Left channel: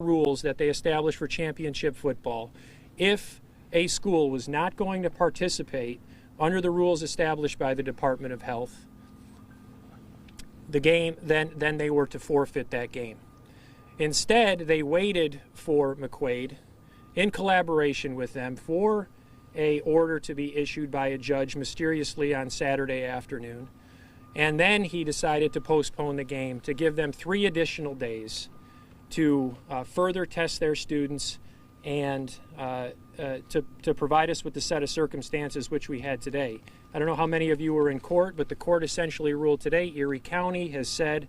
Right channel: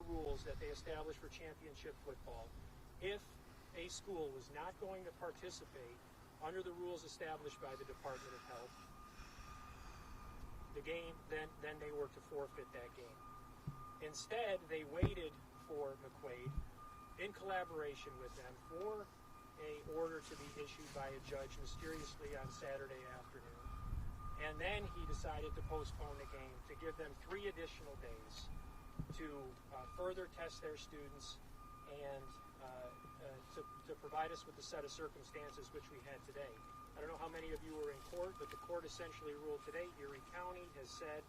rules that they established for championship football, if a school was not going to participate under the rules established by the Department of Health, the game, then they were to forfeit that game. Instead, they waited for McQuaid, in collaboration with them, for a order to be issued by a judge mysteriously on Saturday afternoon. And then he decided to postpone the game to give them 3 additional days to further test their students and to provide us with the set of circumstances which we had today. I don't know how many of you were in court, but the court essentially ruled today. Erie County has said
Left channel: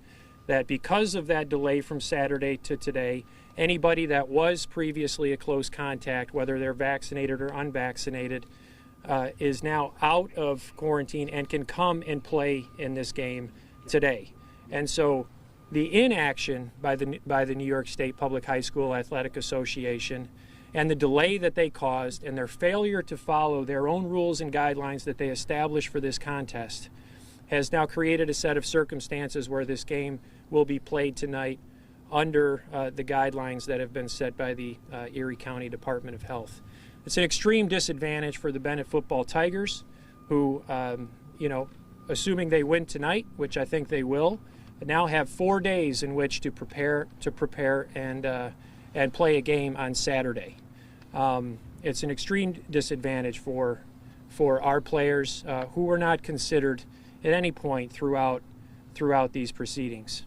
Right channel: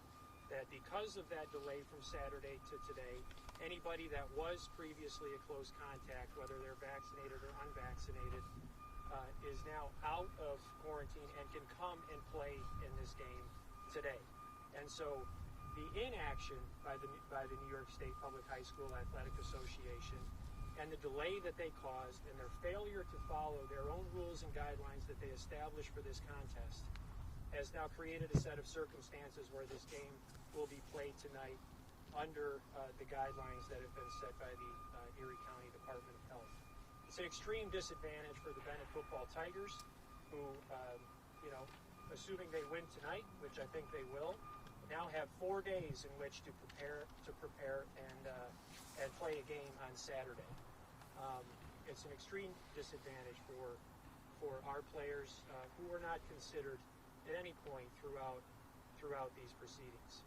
that because of that delay from Saturday to today, anybody that was previously a close contact, whether they're vaccinated or unvaccinated, is now out of quarantine and can come and play in this game today. And so the inaction by the New York State Public High School Athletic Association and the delay that they caused and their failure to follow their own rules and guidelines that they established for this contest has now created a set of circumstances where this game will be played tonight under the guidelines that have been set by the Erie County Department of Health. It's an extreme disadvantage for the Bennett football Tigers, who, assuming they win tonight, which I think they will, now have 4 days in which to prepare and play a game on Saturday. It's an extreme disadvantage for our players who were not considered at any point throughout these proceedings.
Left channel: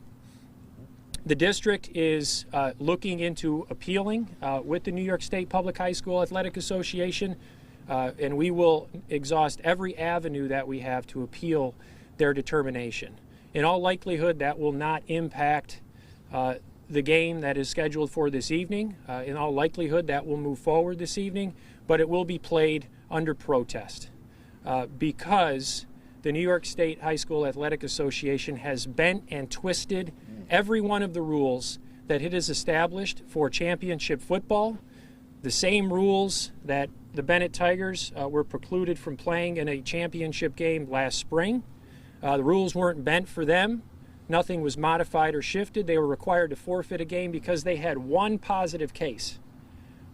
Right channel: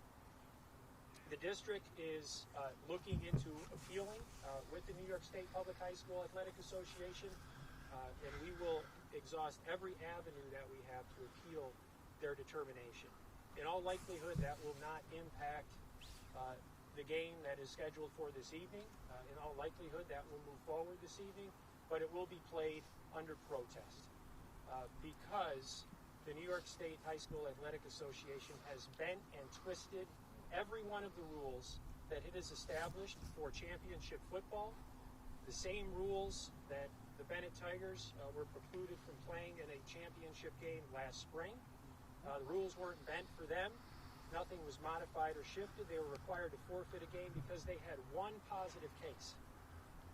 The district is looking into appealing with the New York State Public High School Athletic Association, and we will exhaust every avenue that we have to appeal their determination. In all likelihood, that will not impact the game that is scheduled for this evening. In all likelihood, that will move forward this evening, but it will be played under protest because the New York State High School Athletic Association has bent and twisted every one of the rules that it has established for championship football, the same rules that the Bennett Tigers were precluded from playing in a championship game last spring. The rules weren't bent for them. Nothing was modified or shifted. They were required to forfeit a game because they had one positive case.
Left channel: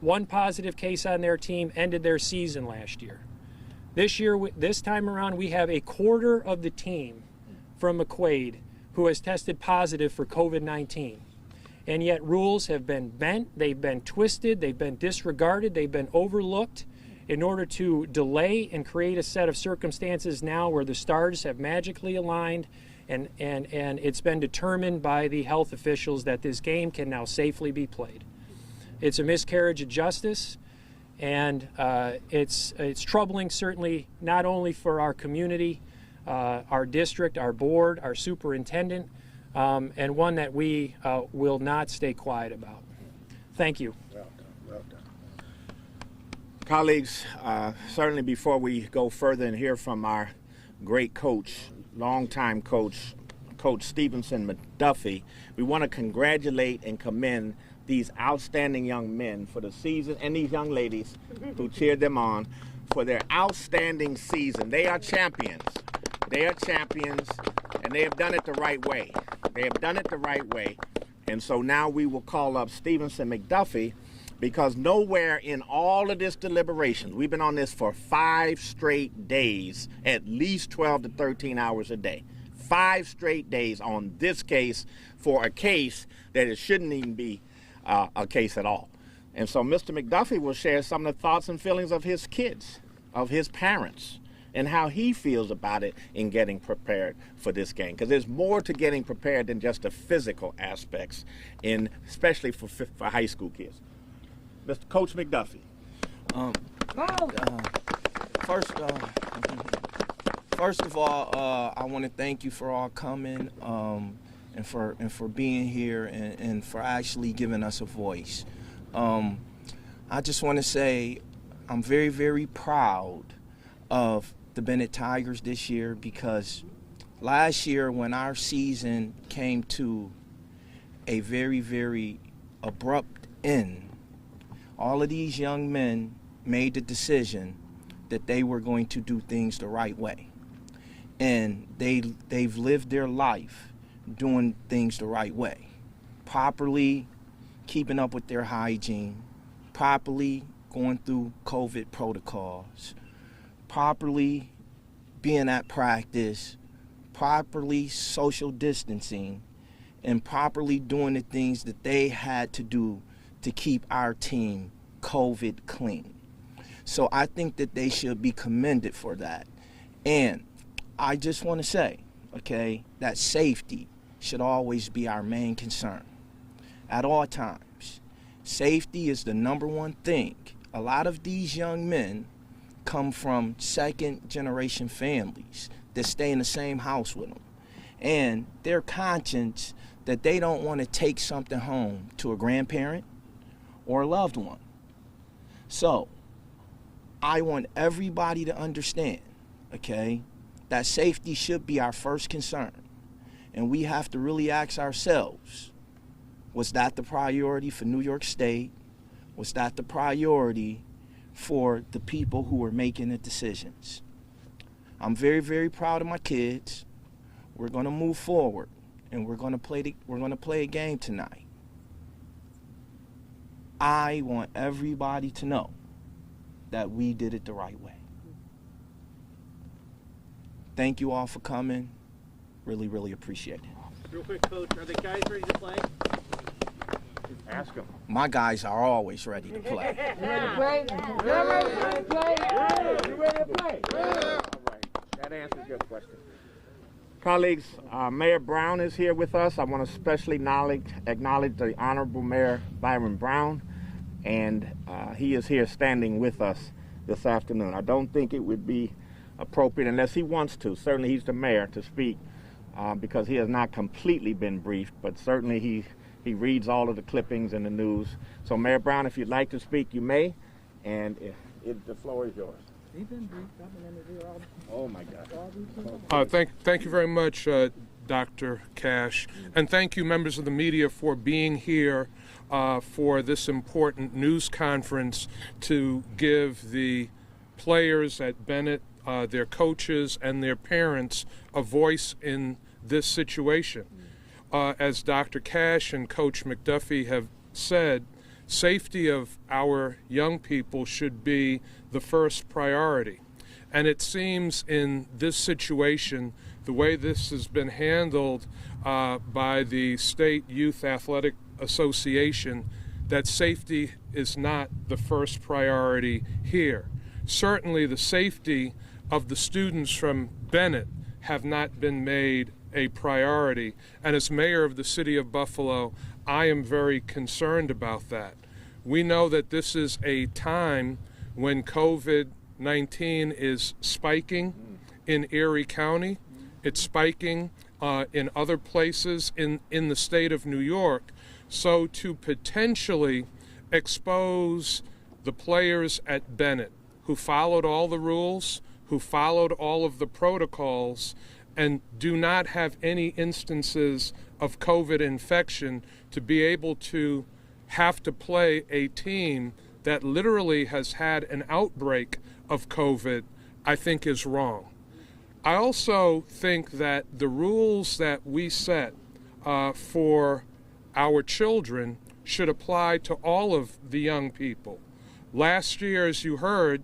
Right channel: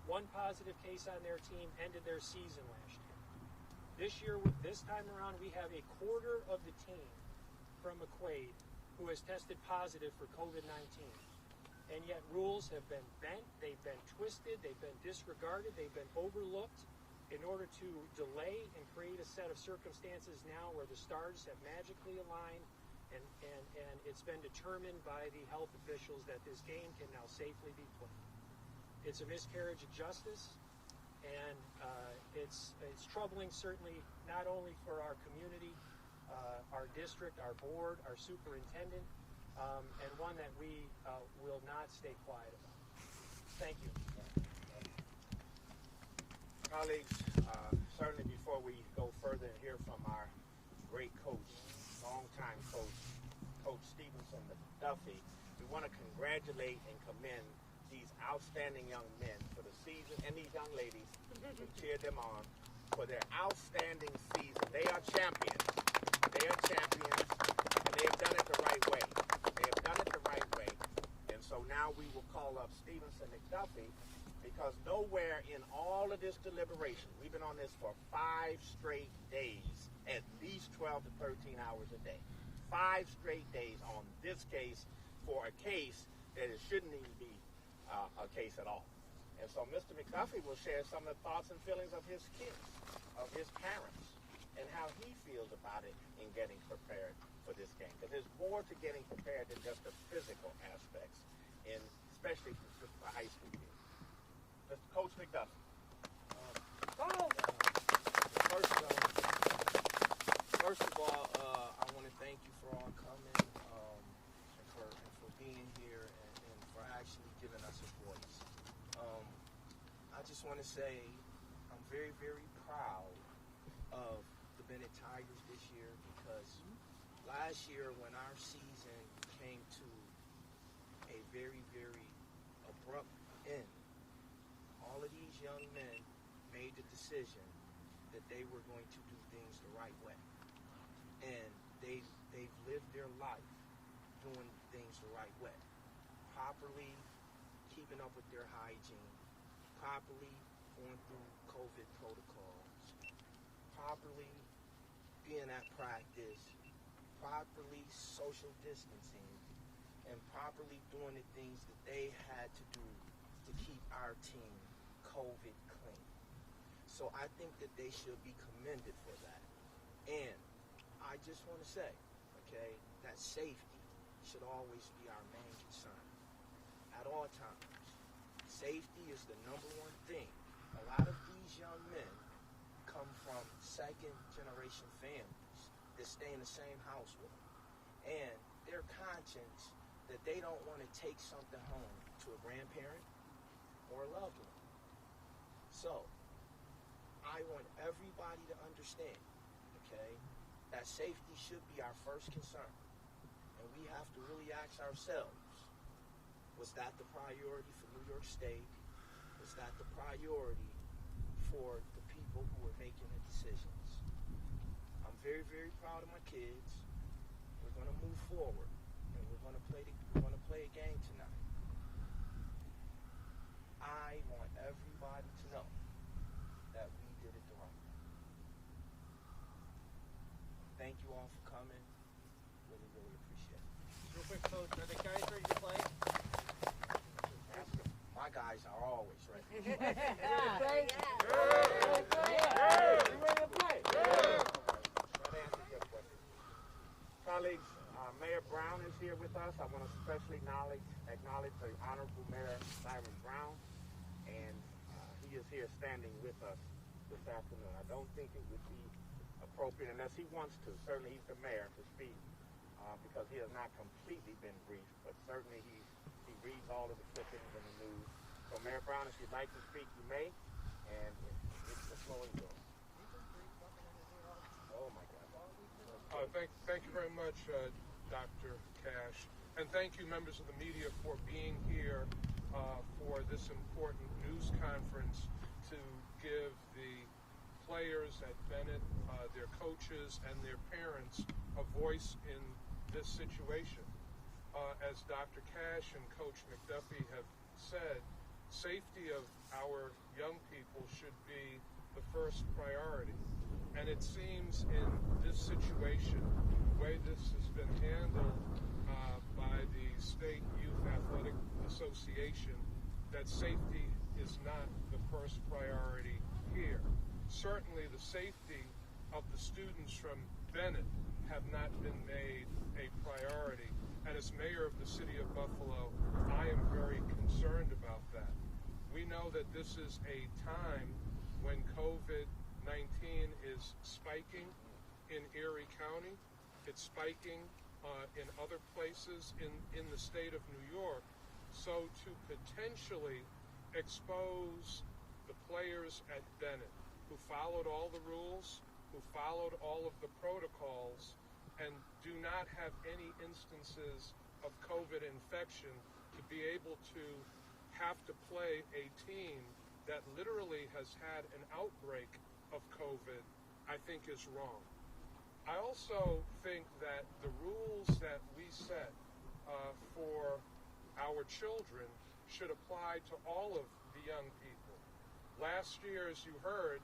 One positive case on their team ended their season last year. This time around, we have a quarter of the team from McQuaid who has tested positive for COVID-19. And yet rules have been bent, they've been twisted, they've been disregarded, they've been overlooked in order to delay and create a set of circumstances now where the stars have magically aligned and it's been determined by the health officials that this game can now safely be played. It's a miscarriage of justice, and it's troubling, certainly, not only for our community, our district, our board, our superintendent, and one that we will not stay quiet about. Thank you. Well done. Colleagues, certainly before we go further and hear from our great coach, longtime coach, Coach Stevenson McDuffie, we want to congratulate and commend these outstanding young men for the season, and these young ladies who cheered them on for their outstanding season. They are champions. They are champions, and they have done it the right way. They have done it the right way. And so now we will call up Stevenson McDuffie, because nowhere in all of this deliberation, we've been on this for 5 straight days, at least 12 to 13 hours a day. 5 straight days on this case for a case that it shouldn't even be a case at all. And so Mr. McDuffie will share some of the thoughts and feelings of his kids, of his parents, and how he feels about it in getting prepared for this game. Because there's more to getting prepared than just the physical aspects, especially for high school kids. Mr. Coach McDuffie. First of all, I want to thank you for all coming and for being here and for actually giving us a voice. I just want to say I'm very, very proud of the Bennett Tigers this year, because last year when our season came to a very, very abrupt end, all of these young men made the decision that they were going to do things the right way. And they've lived their life doing things the right way, properly keeping up with their hygiene, properly going through COVID protocols, properly being at practice, properly social distancing, and properly doing the things that they had to do to keep our team COVID clean. So I think that they should be commended for that. And I just want to say, okay, that safety should always be our main concern at all times. Safety is the number one thing. A lot of these young men come from second-generation families that stay in the same house with them. And their conscience that they don't want to take something home to a grandparent or a loved one. So I want everybody to understand, okay, that safety should be our first concern. And we have to really ask ourselves, was that the priority for New York State? Was that the priority for the people who were making the decisions? I'm very, very proud of my kids. We're going to move forward, and we're going to play a game tonight. I want everybody to know that we did it the right way. Thank you all for coming. Really, really appreciate it. Real quick, Coach, are the guys ready to play? Ask them. My guys are always ready to play. That answers your question. Colleagues, Mayor Brown is here with us. I want to especially acknowledge the Honorable Mayor Byron Brown, and he is here standing with us this afternoon. I don't think it would be appropriate unless he wants to. Certainly he's the mayor to speak because he has not completely been briefed, but certainly he reads all of the clippings in the news. So Mayor Brown, if you'd like to speak, you may, and the floor is yours. Oh my God. Thank you very much, Dr. Cash, and thank you, members of the media, for being here for this important news conference to give the players at Bennett, their coaches, and their parents a voice in this situation. As Dr. Cash and Coach McDuffie have said, safety of our young people should be the first priority. And it seems in this situation, the way this has been handled by the State Youth Athletic Association, that safety is not the first priority here. Certainly the safety of the students from Bennett have not been made a priority. And as mayor of the city of Buffalo, I am very concerned about that. We know that this is a time when COVID-19 is spiking in Erie County. It's spiking in other places in the state of New York. So to potentially expose the players at Bennett who followed all the rules, who followed all of the protocols, and do not have any instances of COVID infection, to be able to have to play a team that literally has had an outbreak of COVID, I think is wrong. I also think that the rules that we set for our children should apply to all of the young people. Last year, as you heard,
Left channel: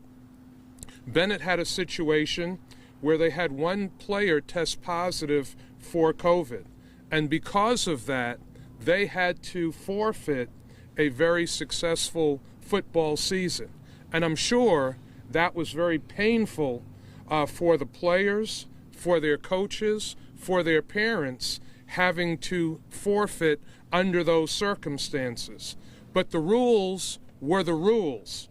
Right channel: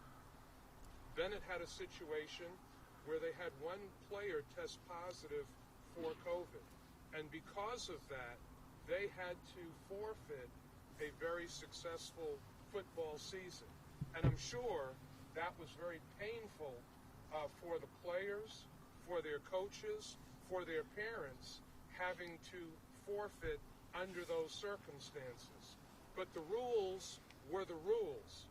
Bennett had a situation where they had one player test positive for COVID. And because of that, they had to forfeit a very successful football season. And I'm sure that was very painful for the players, for their coaches, for their parents, having to forfeit under those circumstances. But the rules were the rules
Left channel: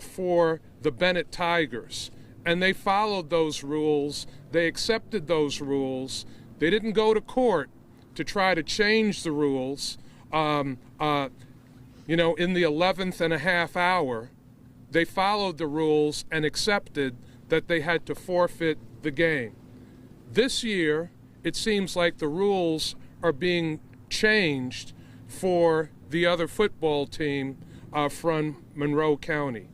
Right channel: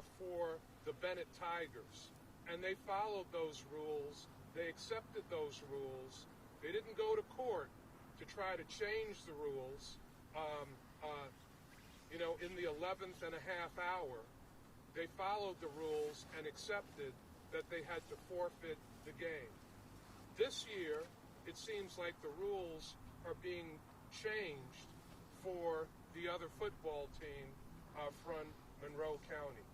for the Bennett Tigers. And they followed those rules. They accepted those rules. They didn't go to court to try to change the rules. In the 11th and a half hour, they followed the rules and accepted that they had to forfeit the game. This year, it seems like the rules are being changed for the other football team from Monroe County.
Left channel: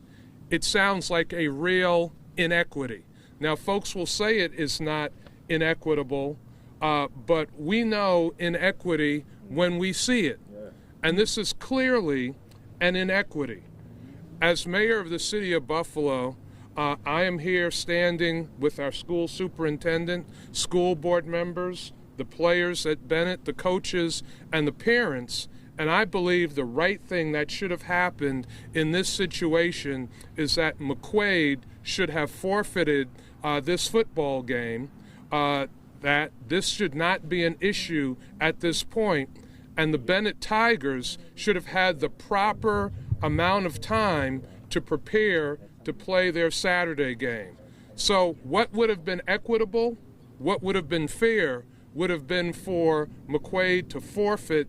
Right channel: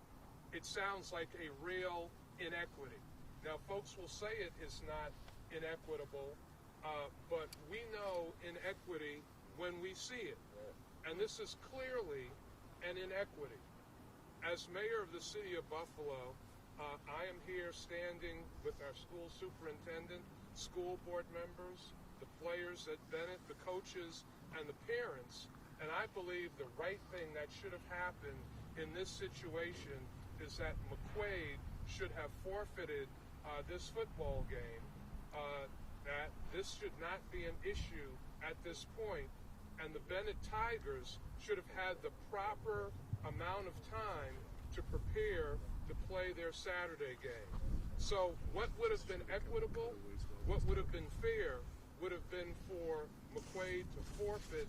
It sounds like a real inequity. Now, folks will say it is not inequitable, but we know inequity when we see it. And this is clearly an inequity. As mayor of the city of Buffalo, I am here standing with our school superintendent, school board members, the players at Bennett, the coaches, and the parents. And I believe the right thing that should have happened in this situation is that McQuaid should have forfeited this football game, that this should not be an issue at this point, and the Bennett Tigers should have had the proper amount of time to prepare to play their Saturday game. So what would have been equitable, what would have been fair, would have been for McQuaid to forfeit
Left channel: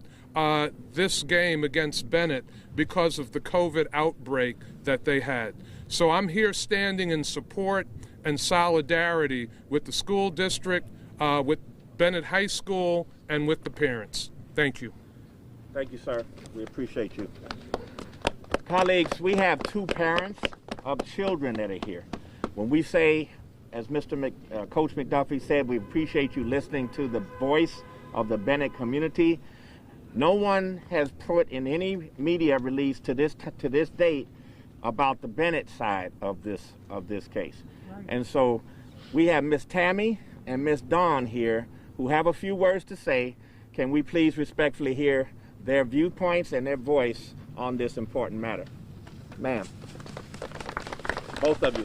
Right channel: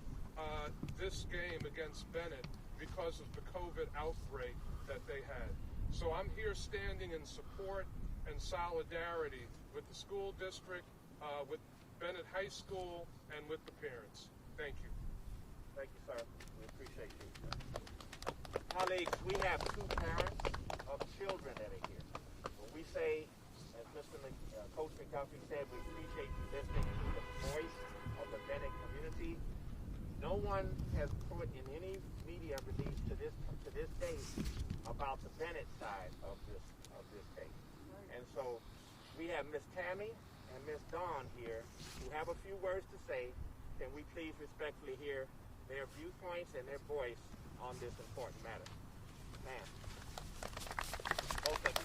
this game against Bennett because of the COVID outbreak that they had. So I'm here standing in support and solidarity with the school district, with Bennett High School, and with the parents. Thank you. Thank you, sir. We appreciate you. Colleagues, we have two parents of children that are here. When we say, as Coach McDuffie said, we appreciate you listening to the voice of the Bennett community. No one has put in any media release to this date about the Bennett side of this case. Right. And so we have Miss Tammy and Miss Dawn here who have a few words to say. Can we please respectfully hear their viewpoints and their voice on this important matter? Ma'am, both of you.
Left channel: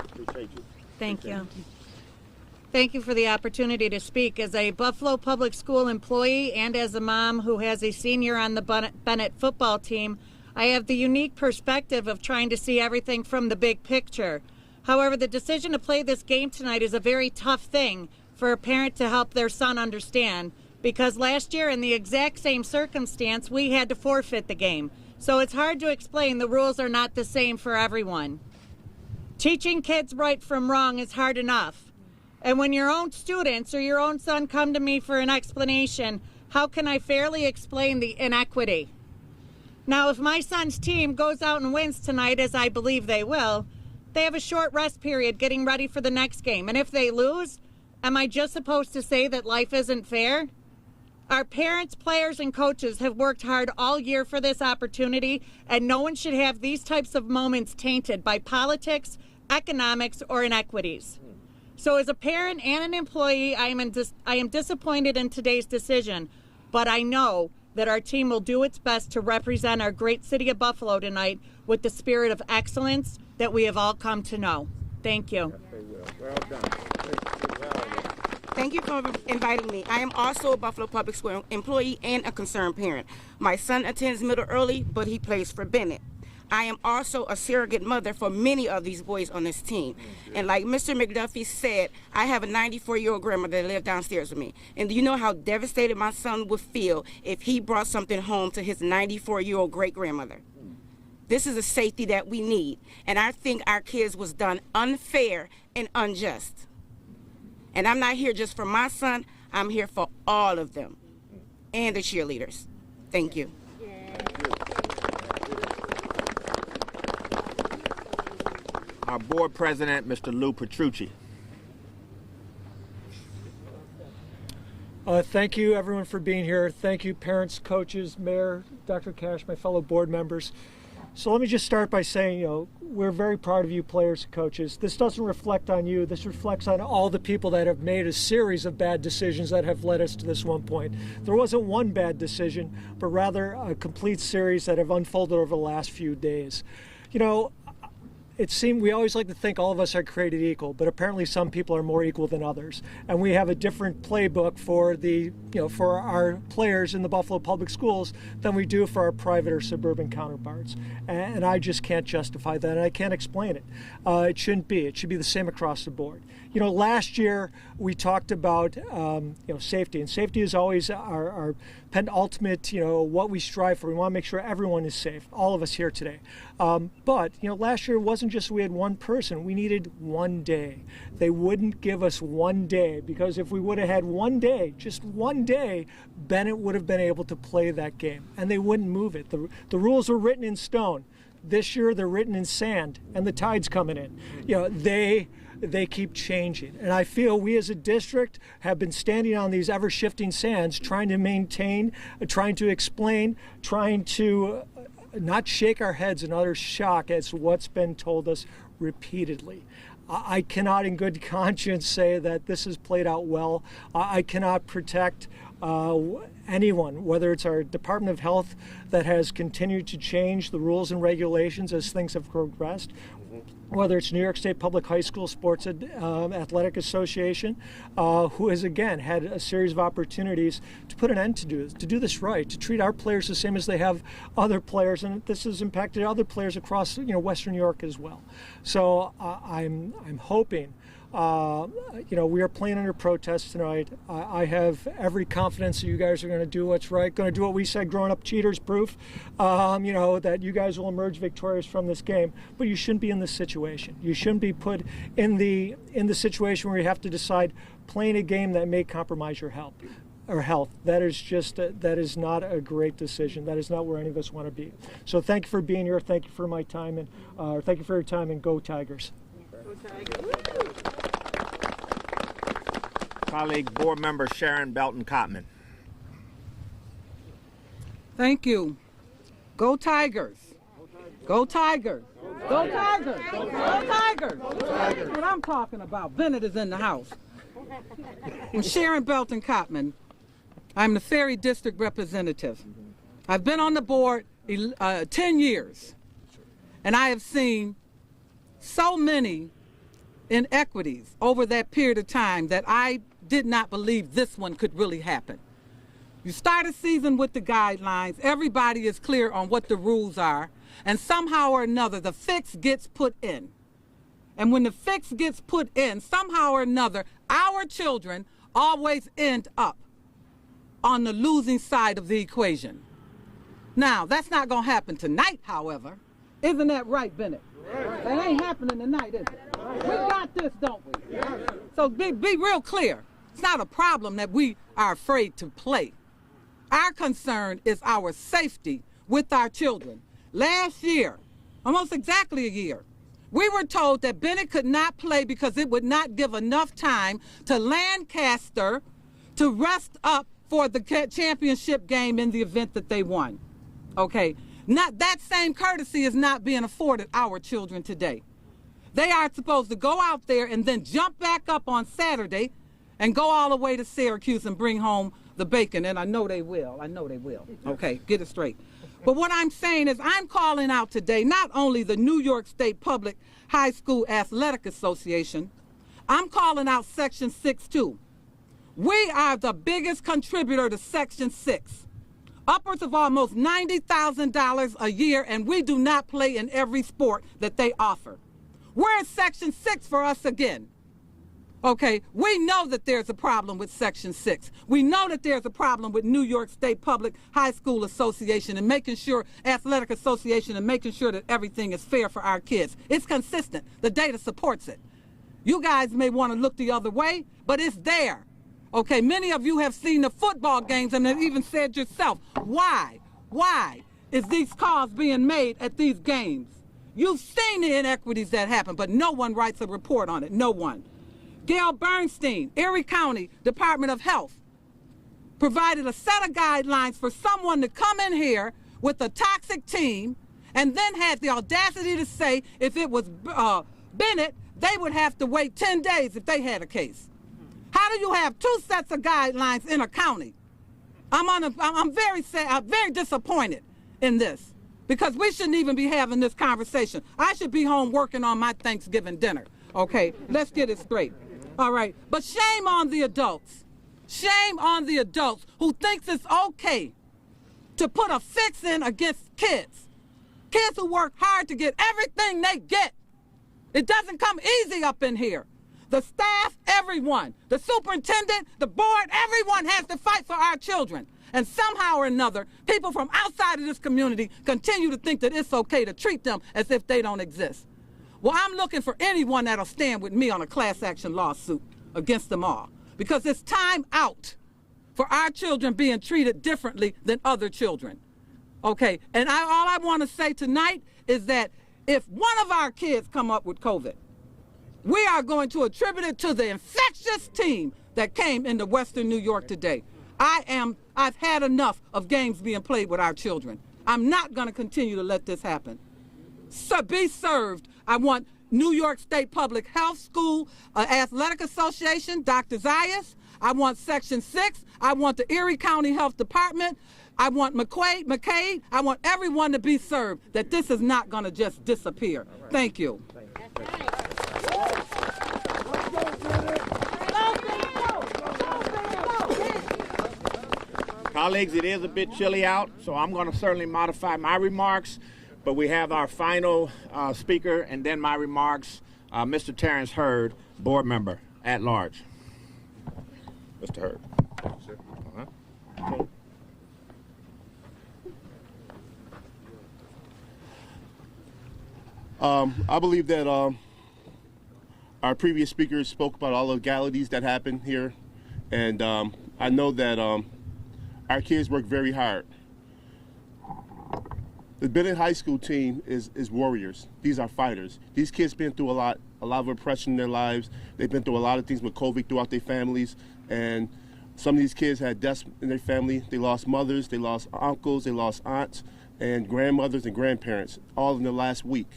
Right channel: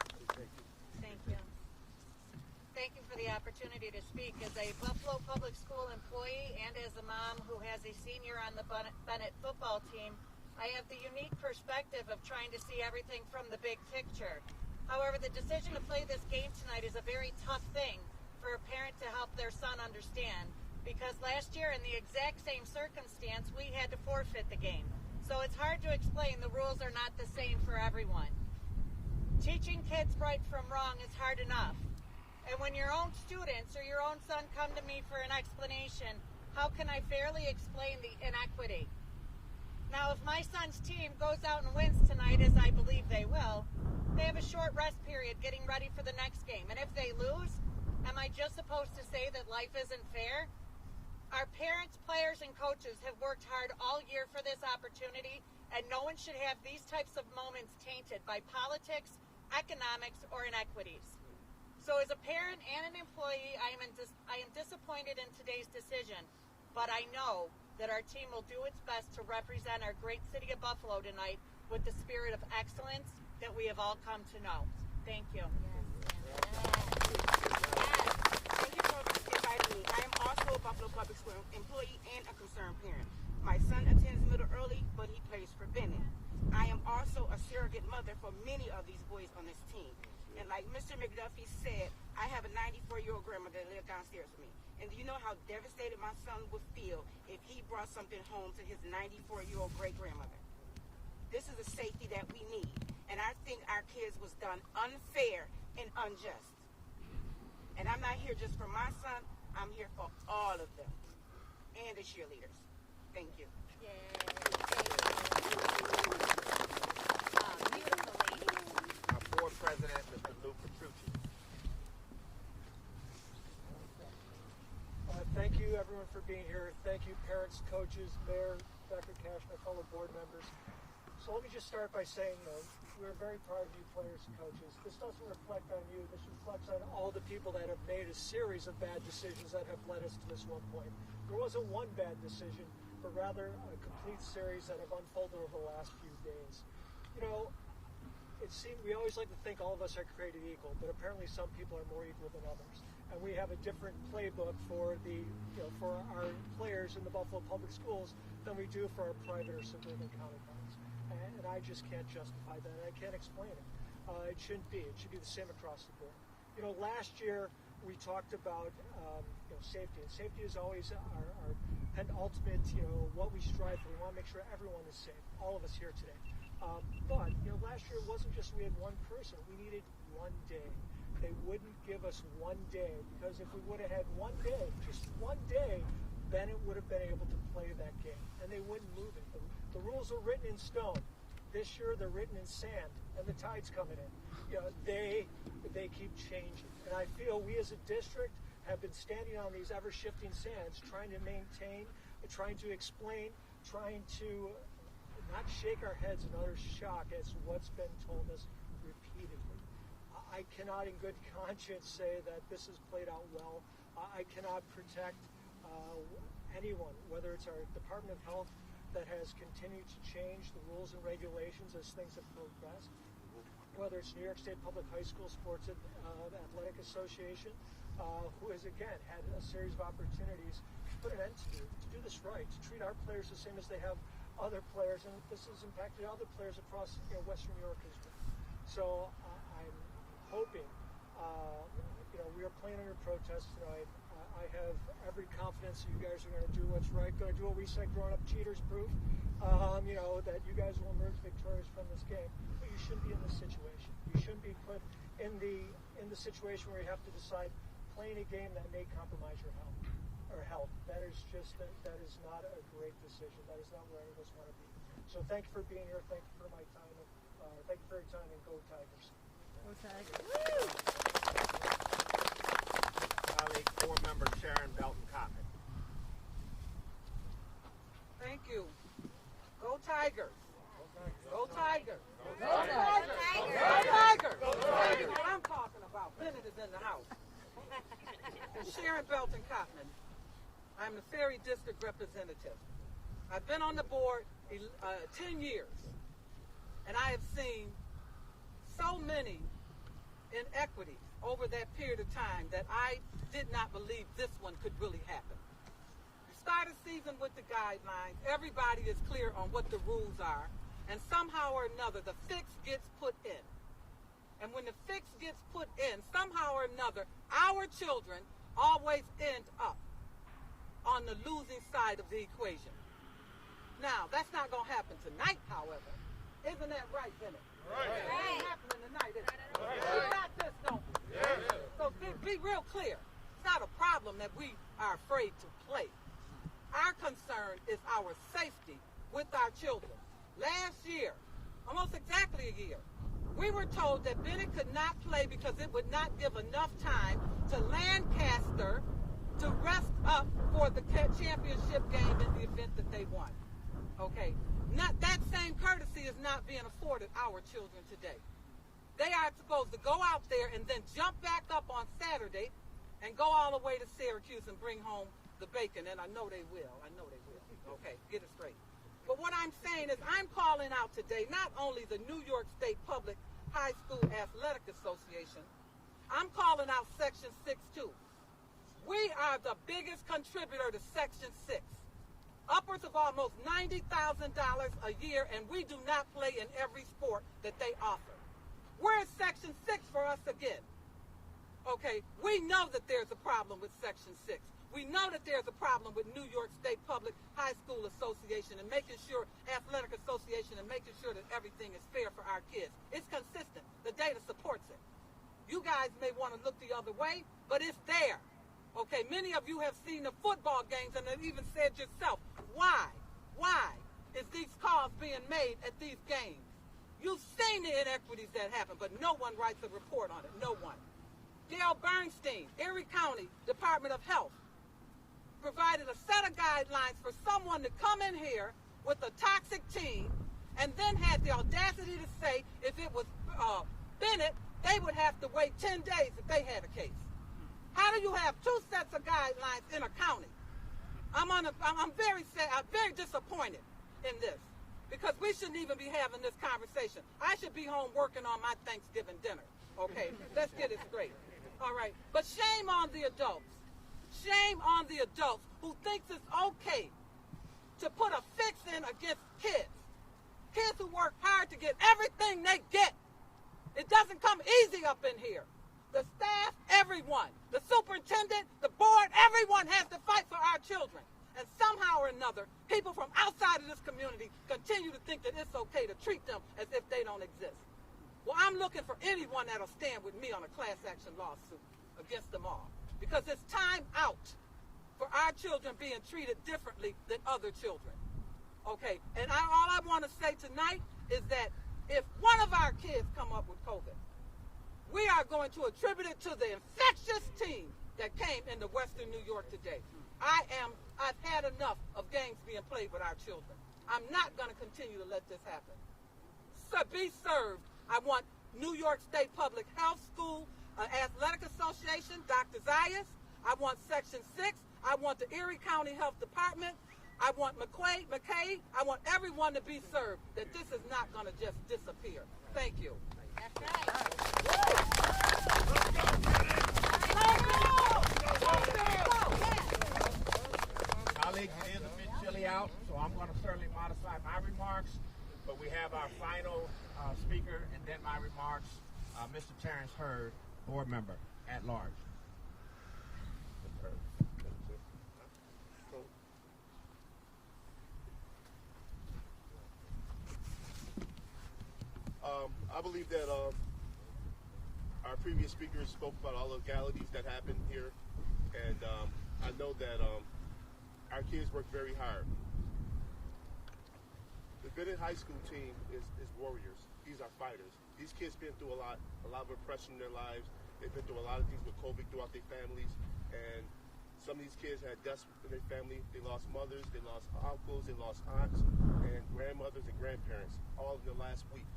Appreciate you. Thank you. Thank you for the opportunity to speak. As a Buffalo Public School employee and as a mom who has a senior on the Bennett football team, I have the unique perspective of trying to see everything from the big picture. However, the decision to play this game tonight is a very tough thing for a parent to help their son understand, because last year in the exact same circumstance, we had to forfeit the game. So it's hard to explain. The rules are not the same for everyone. Teaching kids right from wrong is hard enough. And when your own students or your own son come to me for an explanation, how can I fairly explain the inequity? Now, if my son's team goes out and wins tonight, as I believe they will, they have a short rest period getting ready for the next game. And if they lose, am I just supposed to say that life isn't fair? Our parents, players, and coaches have worked hard all year for this opportunity, and no one should have these types of moments tainted by politics, economics, or inequities. So as a parent and an employee, I am disappointed in today's decision, but I know that our team will do its best to represent our great city of Buffalo tonight with the spirit of excellence that we have all come to know. Thank you. Well done. Thank you for inviting me. I am also a Buffalo Public School employee and a concerned parent. My son attends middle early, but he plays for Bennett. I am also a surrogate mother for many of these boys on this team. And like Mr. McDuffie said, I have a 94-year-old grandmother that lives downstairs with me. And do you know how devastated my son would feel if he brought something home to his 94-year-old great-grandmother? This is a safety that we need. And I think our kids was done unfair and unjust. And I'm not here just for my son, I'm here for all of them and the cheerleaders. Thank you. Our board president, Mr. Lou Petrucci. Thank you, everyone, for being here. Thank you, parents, coaches, Mayor, Dr. Cash, my fellow board members. So let me just start by saying, we're very proud of you players and coaches. This doesn't reflect on you. This reflects on all the people that have made a series of bad decisions that have led us to this one point. There wasn't one bad decision, but rather a complete series that have unfolded over the last few days. It seemed we always like to think all of us are created equal, but apparently some people are more equal than others. And we have a different playbook for for our players in the Buffalo Public Schools than we do for our private or suburban counterparts. And I just can't justify that, and I can't explain it. It shouldn't be. It should be the same across the board. Last year we talked about safety, and safety is always our penultimate, what we strive for. We want to make sure everyone is safe, all of us here today. But last year it wasn't just we had one person. We needed one day. They wouldn't give us one day, because if we would have had one day, just one day, Bennett would have been able to play that game, and they wouldn't move it. The rules were written in stone. This year they're written in sand, and the tide's coming in. they keep changing. And I feel we as a district have been standing on these ever-shifting sands, trying to maintain, trying to explain, trying to not shake our heads in utter shock as to what's been told us repeatedly. I cannot in good conscience say that this has played out well. I cannot protect anyone, whether it's our Department of Health that has continued to change the rules and regulations as things have progressed, whether it's New York State Public High School Sports Athletic Association, who has again had a series of opportunities to put an end to do this right, to treat our players the same as they have other players, and this has impacted other players across Western New York as well. So I'm hoping. We are playing under protest tonight. I have every confidence that you guys are going to do what's right, going to do what we said growing up, cheaters proof, that you guys will emerge victorious from this game. But you shouldn't be in this situation. You shouldn't be put in the situation where you have to decide playing a game that may compromise your health. That is not a great decision. That is not where any of us want to be. So thank you for being here. Thank you for my time, and thank you for your time, and go Tigers. Go Tigers. Colleague Board Member Sharon Belton-Cotman. Thank you. Go Tigers. Go Tigers. Go Tigers. Go Tigers. That's what I'm talking about. Bennett is in the house. I'm Sharon Belton-Cotman. I'm the Ferry District Representative. I've been on the board 10 years, and I have seen so many inequities over that period of time that I did not believe this one could really happen. You start a season with the guidelines, everybody is clear on what the rules are, and somehow or another the fix gets put in. And when the fix gets put in, somehow or another, our children always end up on the losing side of the equation. Now, that's not going to happen tonight, however. Isn't that right, Bennett? Right. That ain't happening tonight, is it? We got this, don't we? Yes. So be real clear. It's not a problem that we are afraid to play. Our concern is our safety with our children. Last year, almost exactly a year, we were told that Bennett could not play because it would not give enough time to Lancaster to rest up for the championship game in the event that they won. Okay, not that same courtesy is not being afforded our children today. They are supposed to go out there and then jump back up on Saturday and go all the way to Syracuse and bring home the bacon, and I know they will. Okay, get it straight. But what I'm saying is I'm calling out today not only the New York State Public High School Athletic Association, I'm calling out Section 6 too. We are the biggest contributor to Section 6. Upwards of almost $90,000 a year, and we do not play in every sport that they offer. Where is Section 6 for us again? Okay, we know that there's a problem with Section 6. We know that there's a problem with New York State Public High School Association and making sure, Athletic Association, and making sure that everything is fair for our kids. It's consistent. The data supports it. You guys may want to look the other way, but it's there. Okay, many of you have seen the football games and have even said yourself, why is these calls being made at these games? You've seen the inequities that happen, but no one writes a report on it, no one. Gail Bernstein, Erie County Department of Health, provided a set of guidelines for someone to come in here with a toxic team and then had the audacity to say if it was Bennett, they would have to wait 10 days if they had a case. How do you have two sets of guidelines in a county? I'm very disappointed in this because we shouldn't even be having this conversation. I should be home working on my Thanksgiving dinner. Okay, let's get it straight. All right, but shame on the adults. Shame on the adults who thinks it's okay to put a fix in against kids. Kids who work hard to get everything they get. It doesn't come easy up in here. The staff, everyone, the superintendent, the board, everyone has to fight for our children. And somehow or another, people from outside of this community continue to think that it's okay to treat them as if they don't exist. Well, I'm looking for anyone that'll stand with me on a class action lawsuit against them all. Because it's time out for our children being treated differently than other children. Okay, and all I want to say tonight is that if one of our kids come up with COVID, We are going to attribute it to the infectious team that came into Western New York today. I've had enough of games being played with our children. I'm not going to continue to let this happen. So be served. I want New York State Public Health School Athletic Association, Dr. Zayas. I want Section 6. I want the Erie County Health Department. I want McCabe. I want everyone to be served, that this is not going to just disappear. Thank you. Colleagues, it is a bit chilly out, so I'm going to certainly modify my remarks, but we have our final speaker and then my remarks, Mr. Terrence Hurd, board member at large. Mr. Hurd. I believe that our previous speakers spoke about all the legalities that happened here, and I know that our kids work very hard. The Bennett High School team is warriors. These are fighters. These kids been through a lot of oppression in their lives. They've been through a lot of things with COVID throughout their families, and some of these kids had deaths in their family. They lost mothers, they lost uncles, they lost aunts, and grandmothers and grandparents, all in the last week.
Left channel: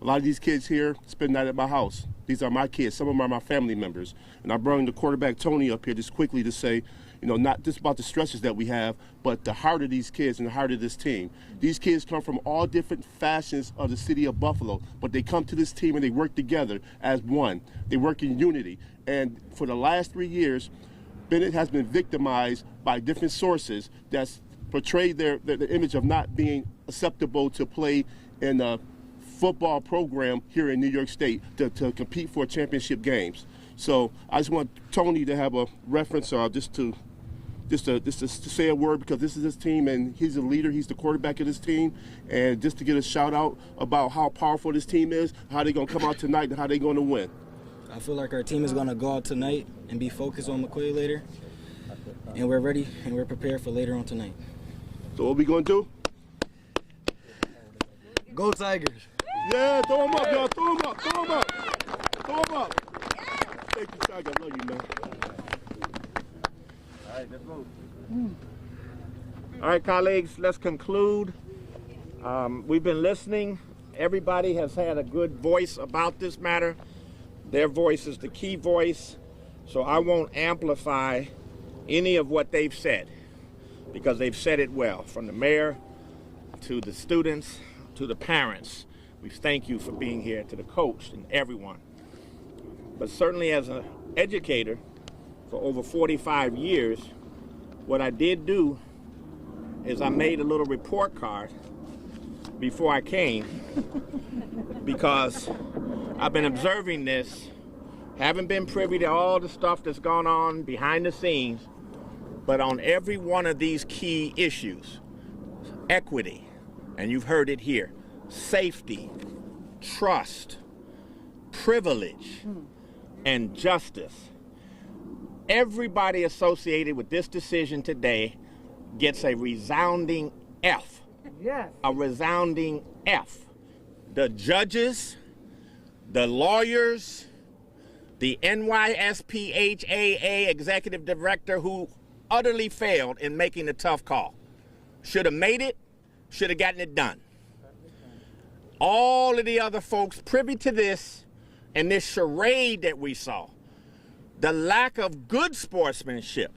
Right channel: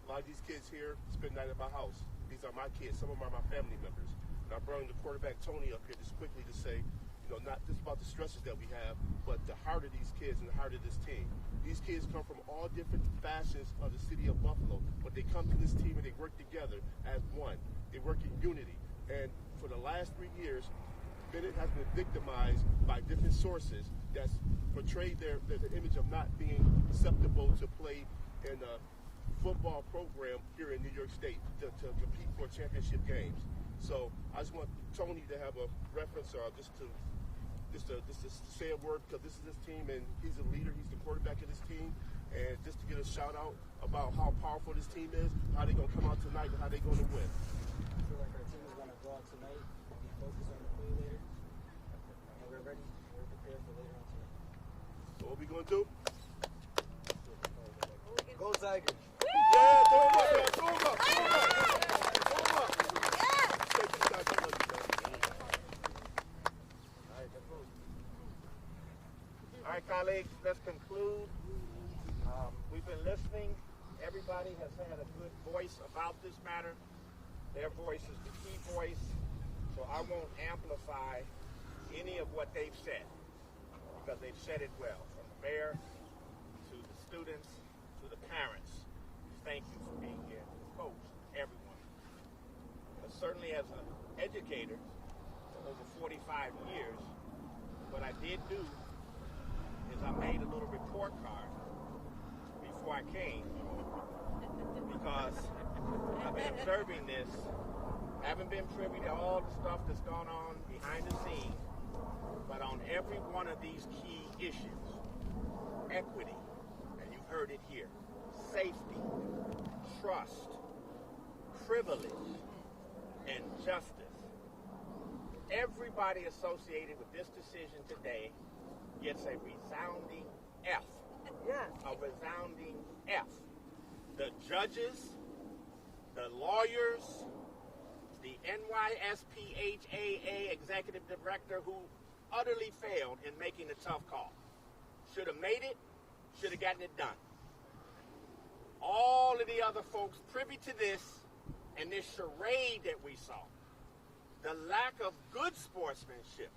A lot of these kids here spend the night at my house. These are my kids. Some of them are my family members. And I brought the quarterback, Tony, up here just quickly to say, you know, not just about the stresses that we have, but the heart of these kids and the heart of this team. These kids come from all different factions of the city of Buffalo, but they come to this team and they work together as one. They work in unity. And for the last 3 years, Bennett has been victimized by different sources that's portrayed their image of not being acceptable to play in a football program here in New York State to compete for championship games. So I just want Tony to have a reference, just to say a word, because this is his team and he's the leader, he's the quarterback of this team, and just to get a shout out about how powerful this team is, how they're going to come out tonight, and how they're going to win. I feel like our team is going to go out tonight and be focused on McQuaid later, and we're ready and we're prepared for later on tonight. So what we going to do? Go Tigers! Yeah, throw them up, y'all. Throw them up. Throw them up. Throw them up. Thank you, guys. I love you, man. All right, let's move. All right, colleagues, let's conclude. We've been listening. Everybody has had a good voice about this matter. Their voice is the key voice, so I won't amplify any of what they've said, because they've said it well, from the mayor to the students to the parents. We thank you for being here, to the coach and everyone. But certainly as an educator for over 45 years, what I did do is I made a little report card before I came, because I've been observing this, haven't been privy to all the stuff that's gone on behind the scenes, but on every one of these key issues, equity, and you've heard it here, safety, trust, privilege, and justice. Everybody associated with this decision today gets a resounding F. Yes. A resounding F. The judges, the lawyers, the NYSPHAA executive director, who utterly failed in making the tough call. Should have made it, should have gotten it done. All of the other folks privy to this and this charade that we saw, the lack of good sportsmanship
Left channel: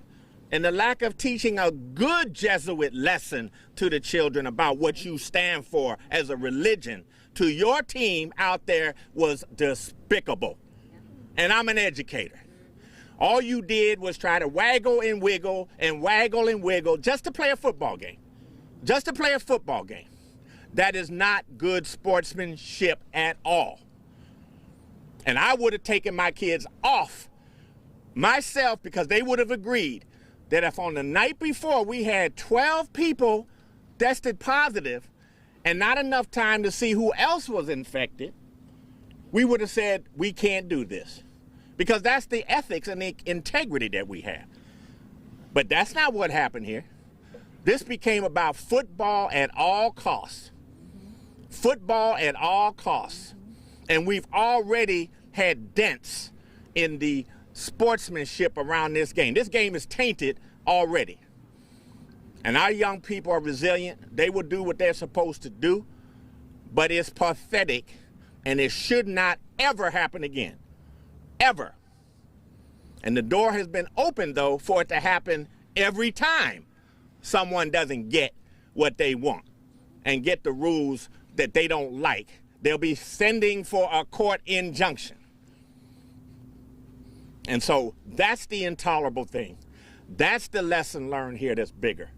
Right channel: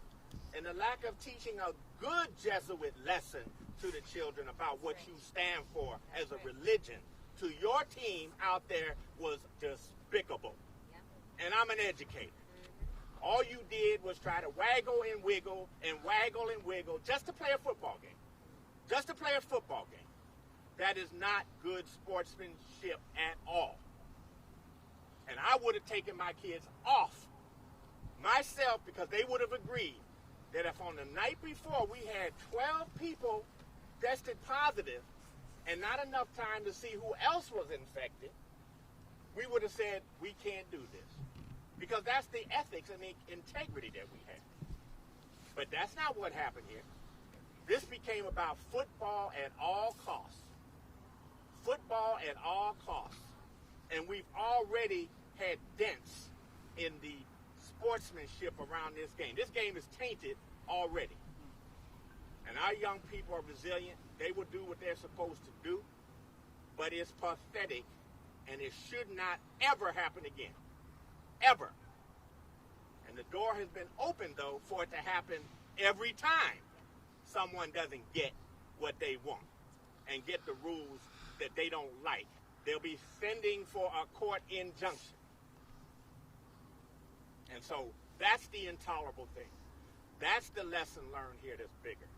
and the lack of teaching a good Jesuit lesson to the children about what you stand for as a religion to your team out there was despicable. And I'm an educator. All you did was try to waggle and wiggle and waggle and wiggle just to play a football game. Just to play a football game. That is not good sportsmanship at all. And I would have taken my kids off myself, because they would have agreed that if on the night before we had 12 people tested positive and not enough time to see who else was infected, we would have said, we can't do this. Because that's the ethics and the integrity that we have. But that's not what happened here. This became about football at all costs. Football at all costs. And we've already had dents in the sportsmanship around this game. This game is tainted already. And our young people are resilient. They will do what they're supposed to do. But it's pathetic, and it should not ever happen again. Ever. And the door has been opened, though, for it to happen every time someone doesn't get what they want and get the rules that they don't like. They'll be sending for a court injunction. And so that's the intolerable thing. That's the lesson learned here that's bigger.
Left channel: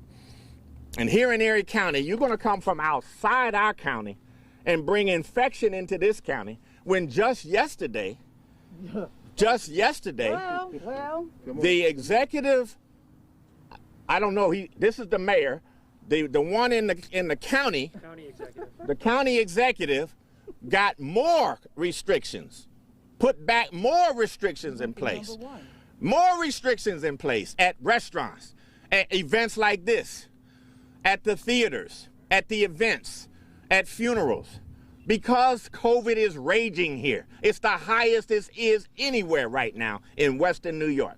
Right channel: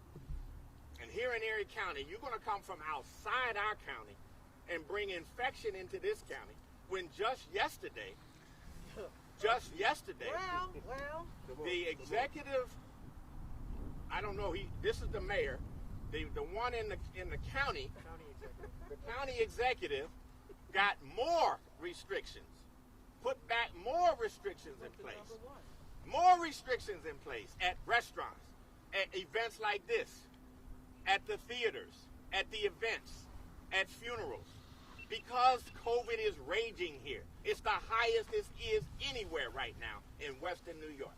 And here in Erie County, you're going to come from outside our county and bring infection into this county when just yesterday, the executive, I don't know, this is the mayor, the one in the county, the county executive got more restrictions, put back more restrictions in place. More restrictions in place at restaurants, at events like this, at the theaters, at the events, at funerals. Because COVID is raging here. It's the highest it is anywhere right now in Western New York.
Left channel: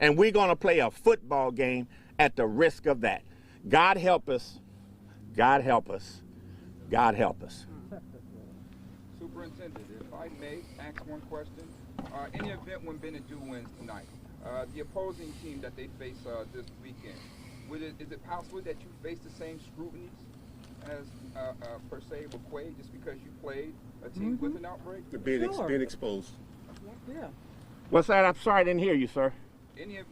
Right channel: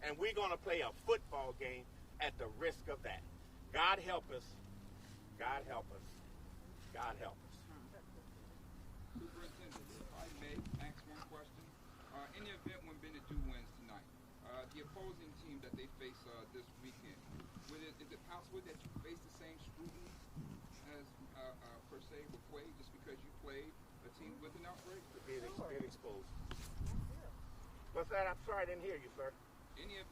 And we're going to play a football game at the risk of that. God help us. God help us. God help us. Superintendent, if I may ask one question. In the event when Bennett do win tonight, the opposing team that they face this weekend, is it possible that you face the same scrutiny as per se McQuaid just because you played a team with an outbreak? Being exposed. Yeah. What's that? I'm sorry, I didn't hear you, sir.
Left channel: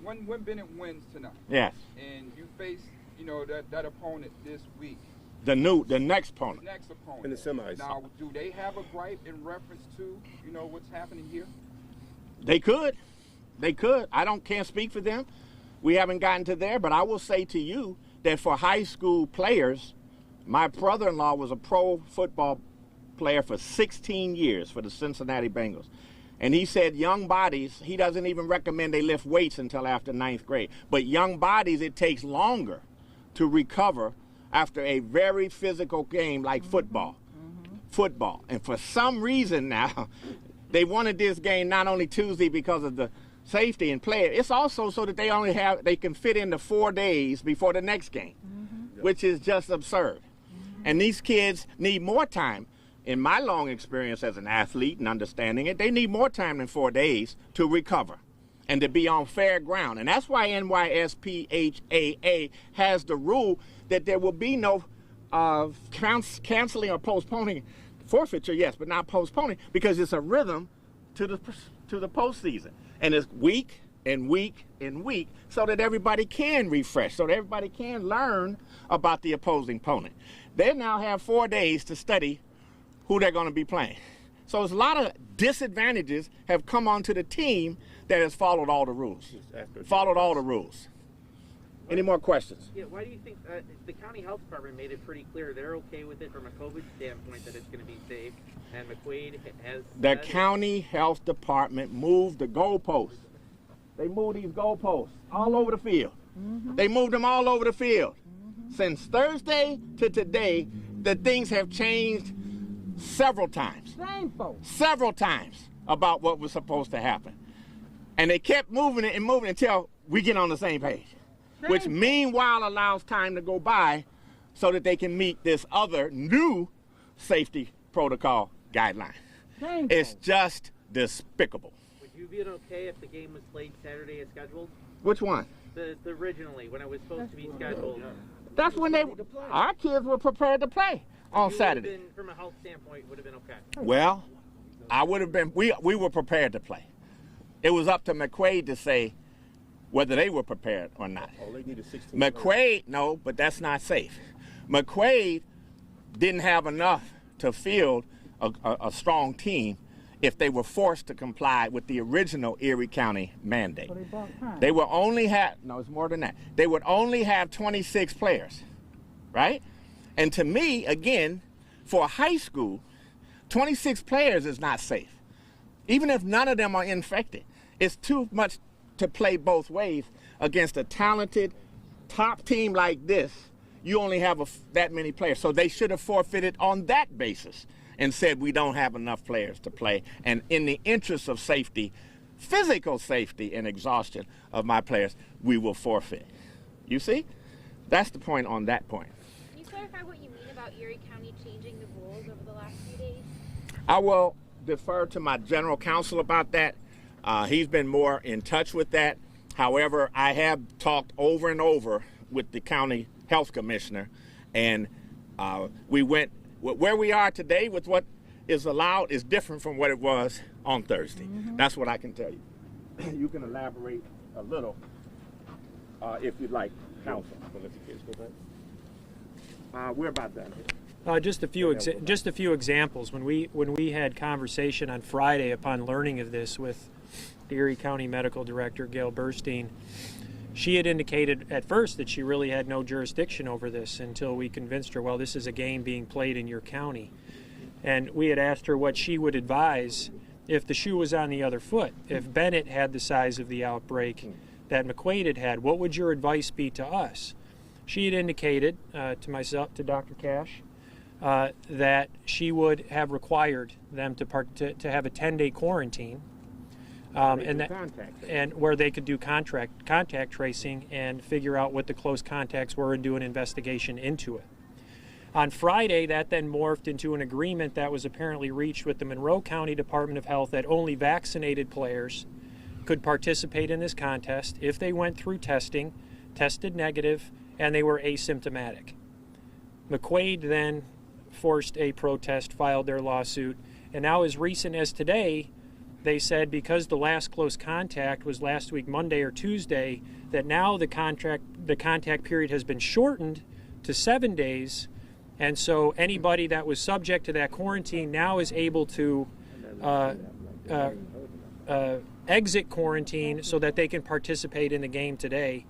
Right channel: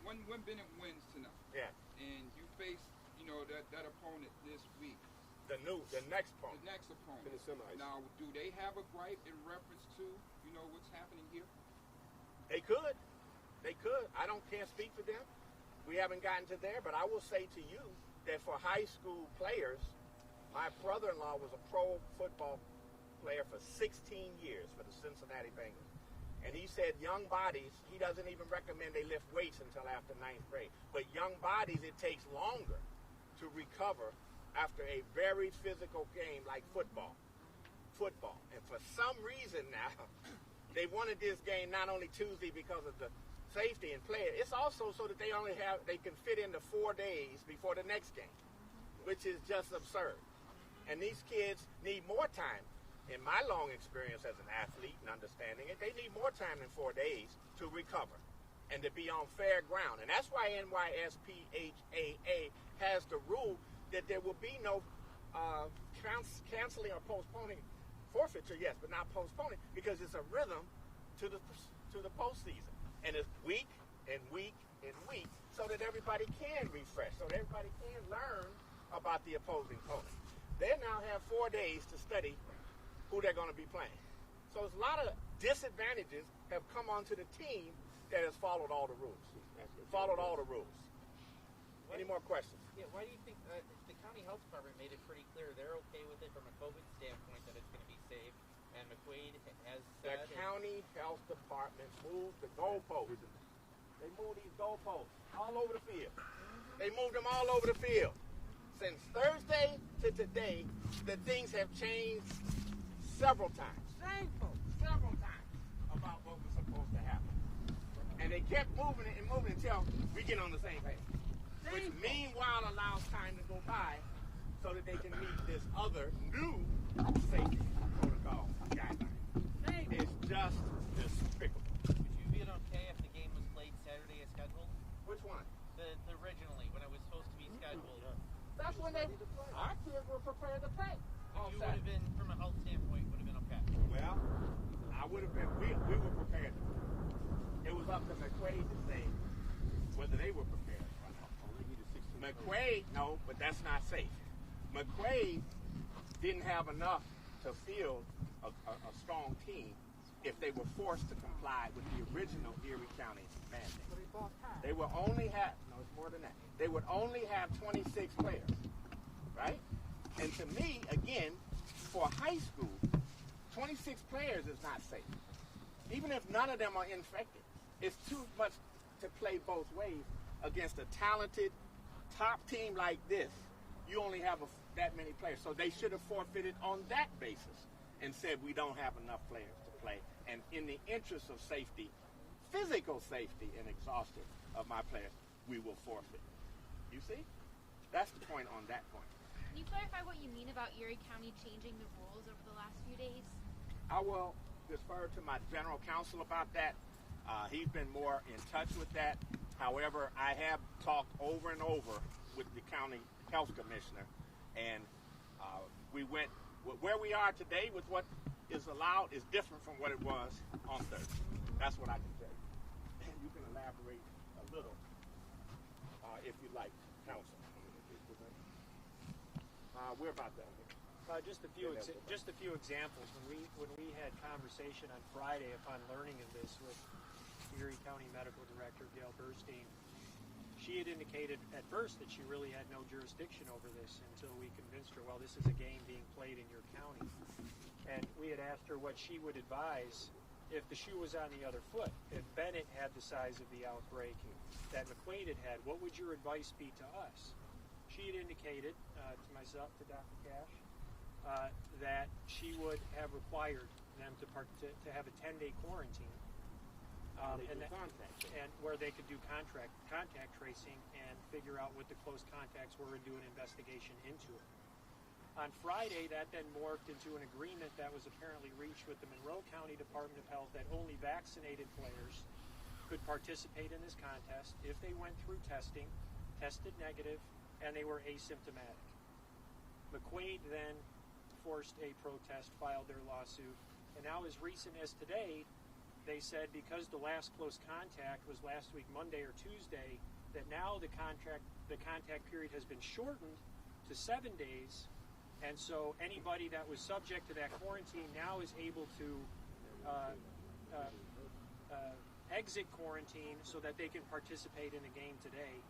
When Bennett wins tonight, yes, and you face that opponent this week, the next opponent, in the semis. Now, do they have a gripe in reference to what's happening here? They could. Can't speak for them. We haven't gotten to there, but I will say to you that for high school players, my brother-in-law was a pro football player for 16 years for the Cincinnati Bengals. And he said young bodies, he doesn't even recommend they lift weights until after 9th grade. But young bodies, it takes longer to recover after a very physical game like football. Football. And for some reason now, they wanted this game not only Tuesday because of the safety and play. It's also so that they can fit into 4 days before the next game, which is just absurd. And these kids need more time. In my long experience as an athlete and understanding it, they need more time than 4 days to recover and to be on fair ground. And that's why NYSPHAA has the rule that there will be no canceling or postponing forfeiture, yes, but not postponing, because it's a rhythm to the postseason. And it's week and week and week so that everybody can refresh, so that everybody can learn about the opposing opponent. They now have 4 days to study who they're going to be playing. So there's a lot of disadvantages have come onto the team that has followed all the rules. Any more questions? Yeah, why do you think the county health department made it pretty clear they're okay with it from a COVID standpoint that it's going to be safe, and McQuaid has... The county health department moved the goalposts. They moved these goalposts all over the field. They moved them all over the field. Since Thursday to today, the things have changed several times. Several times about what was supposed to happen. And they kept moving it and moving it until we get on the same page. Which meanwhile allows time to go by so that they can meet this other new safety protocol guideline. It's just despicable. Would you be okay if the game was played Saturday as scheduled? Which one? The originally, when it was supposed to be scheduled. That's when our kids were prepared to play on Saturday. From a health standpoint, would have been okay. Well, I would have been, we were prepared to play. It was up to McQuaid to say whether they were prepared or not. McQuaid, no, but that's not safe. McQuaid didn't have enough to field a strong team if they were forced to comply with the original Erie County mandate. They would only have, no, it's more than that. They would only have 26 players, right? And to me, again, for high school, 26 players is not safe. Even if none of them are infected, it's too much to play both ways against a talented top team like this. You only have that many players. So they should have forfeited on that basis and said we don't have enough players to play, and in the interest of safety, physical safety and exhaustion of my players, we will forfeit. You see? That's the point on that point. Can you clarify what you mean about Erie County changing the rules over the last few days? I will defer to my general counsel about that. He's been more in touch with that. However, I have talked over and over with the county health commissioner, and we went where we are today with what is allowed is different from what it was on Thursday. That's what I can tell you. You can elaborate a little if you'd like, counsel. We're about done. Just a few examples. When we had conversation on Friday upon learning of this with the Erie County Medical Director Gail Burstein, she had indicated at first that she really had no jurisdiction over this until we convinced her, well, this is a game being played in your county. And we had asked her what she would advise if the shoe was on the other foot. If Bennett had the size of the outbreak that McQuaid had, what would your advice be to us? She had indicated to myself, to Dr. Cash, that she would have required them to have a 10-day quarantine, and where they could do contact tracing and figure out what the close contacts were and do an investigation into it. On Friday, that then morphed into an agreement that was apparently reached with the Monroe County Department of Health that only vaccinated players could participate in this contest if they went through testing, tested negative, and they were asymptomatic. McQuaid then forced a protest, filed their lawsuit, and now as recent as today, they said because the last close contact was last week Monday or Tuesday, that now the contact period has been shortened to 7 days, and so anybody that was subject to that quarantine now is able to exit quarantine so that they can participate in the game today.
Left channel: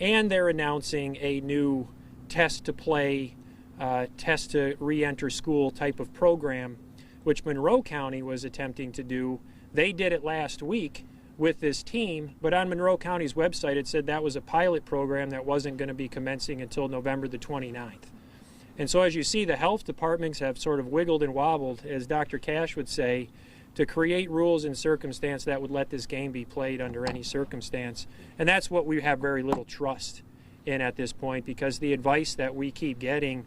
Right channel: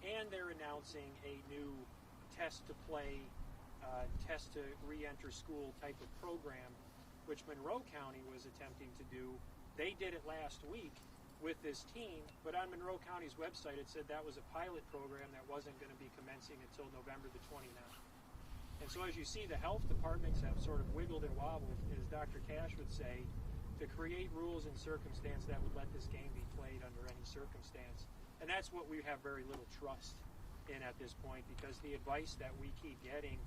And they're announcing a new test to play, test to re-enter school type of program, which Monroe County was attempting to do. They did it last week with this team, but on Monroe County's website it said that was a pilot program that wasn't going to be commencing until November the 29th. And so as you see, the health departments have sort of wiggled and wobbled, as Dr. Cash would say, to create rules and circumstance that would let this game be played under any circumstance. And that's what we have very little trust in at this point, because the advice that we keep getting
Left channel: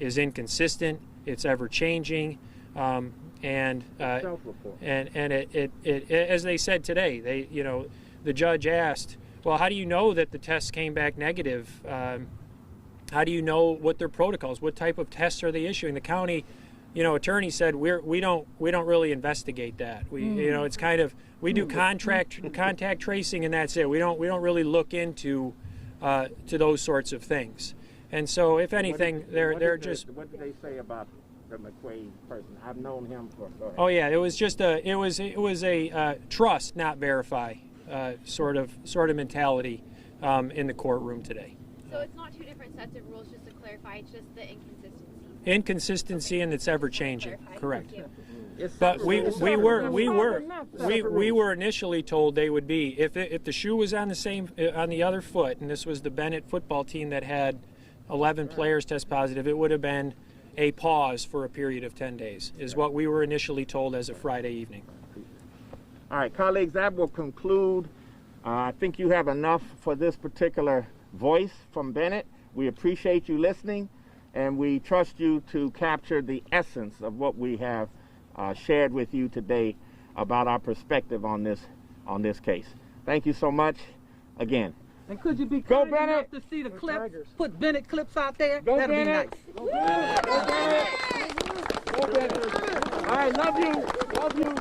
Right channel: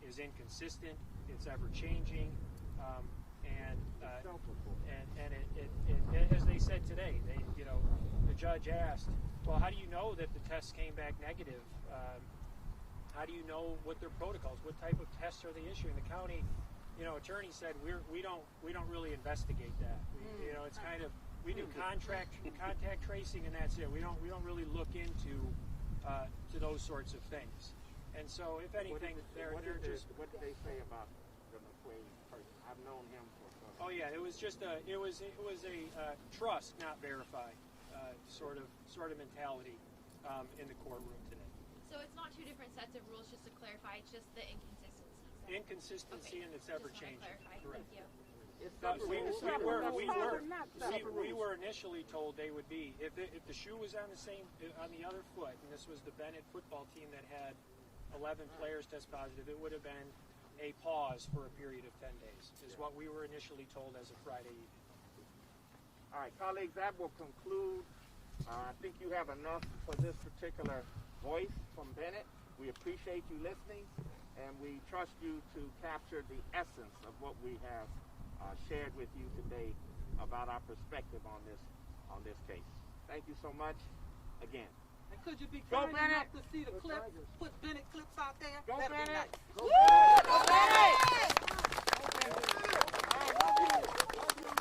is inconsistent, it's ever changing, and it as they said today, the judge asked, well, how do you know that the tests came back negative? How do you know what their protocols, what type of tests are they issuing? The county attorney said we don't really investigate that. It's kind of, we do contact tracing and that's it. We don't really look into to those sorts of things. And so if anything, they're just. What did they say about the McQuaid person? I've known him for. Oh yeah, it was just it was a trust not verify sort of mentality in the courtroom today. So it's not two different sets of rules, just to clarify. It's just the inconsistency, and it's ever changing. Correct. But we were initially told they would be, if the shoe was on the other foot, and this was the Bennett football team that had 11 players test positive, it would have been a pause for a period of 10 days, is what we were initially told as of Friday evening. All right, colleagues, that will conclude. I think you have enough for this particular voice from Bennett. We appreciate you listening, and we trust you to capture the essence of what we have shared with you today about our perspective on this case. Thank you so much again. And could you be Go kind Bennett! enough to see the clips? Put Bennett clips out there? Go That'd Bennett! be nice. Go Bennett! Go Bennett! All right, love you.